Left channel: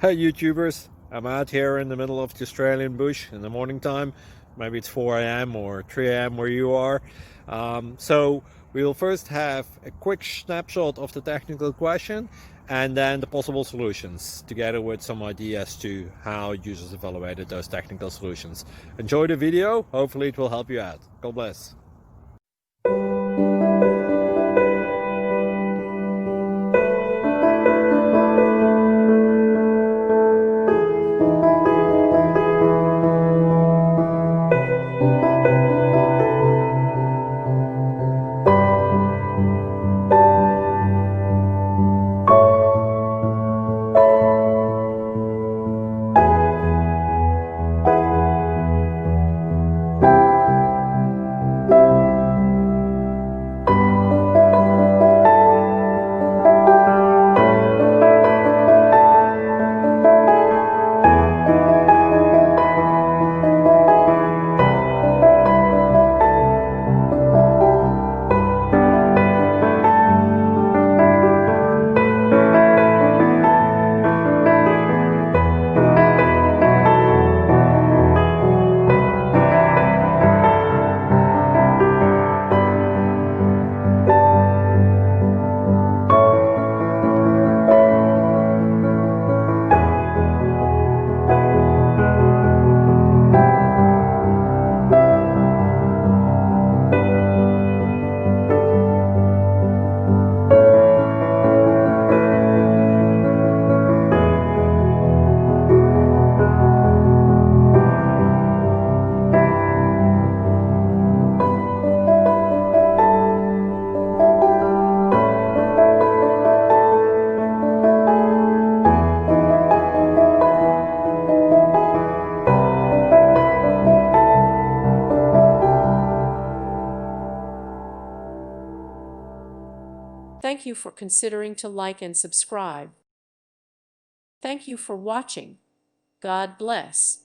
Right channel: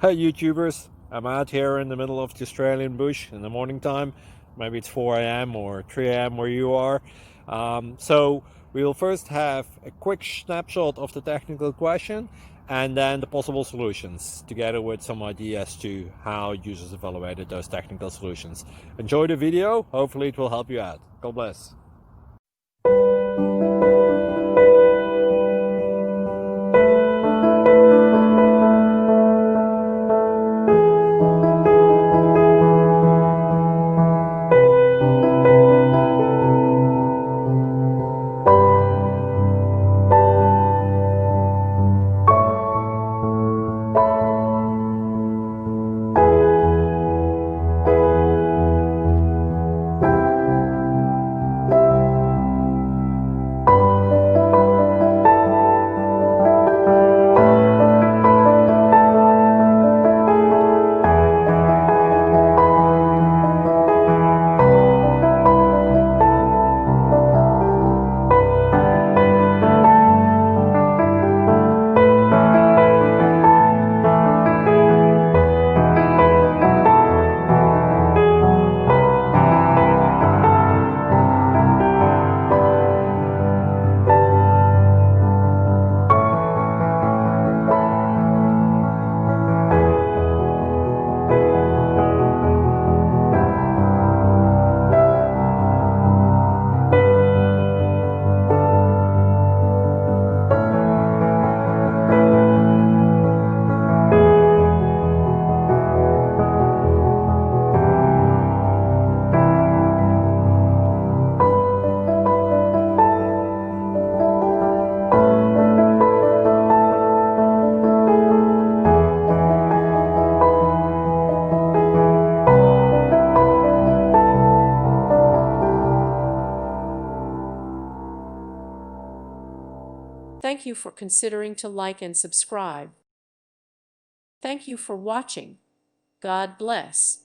Hey YouTubers, I'm out here in the middle of the Australian bush in the morning time. Maybe it's 4 a.m. or 3 a.m. where you are. So we will first have a quick snapshot of the technical question and then the possible solutions, together with some ideas to how users evaluated those technical solutions. Enjoy the video, hopefully it will help you out. God bless. Thank you for considering to like and subscribe. Thank you for watching. God bless.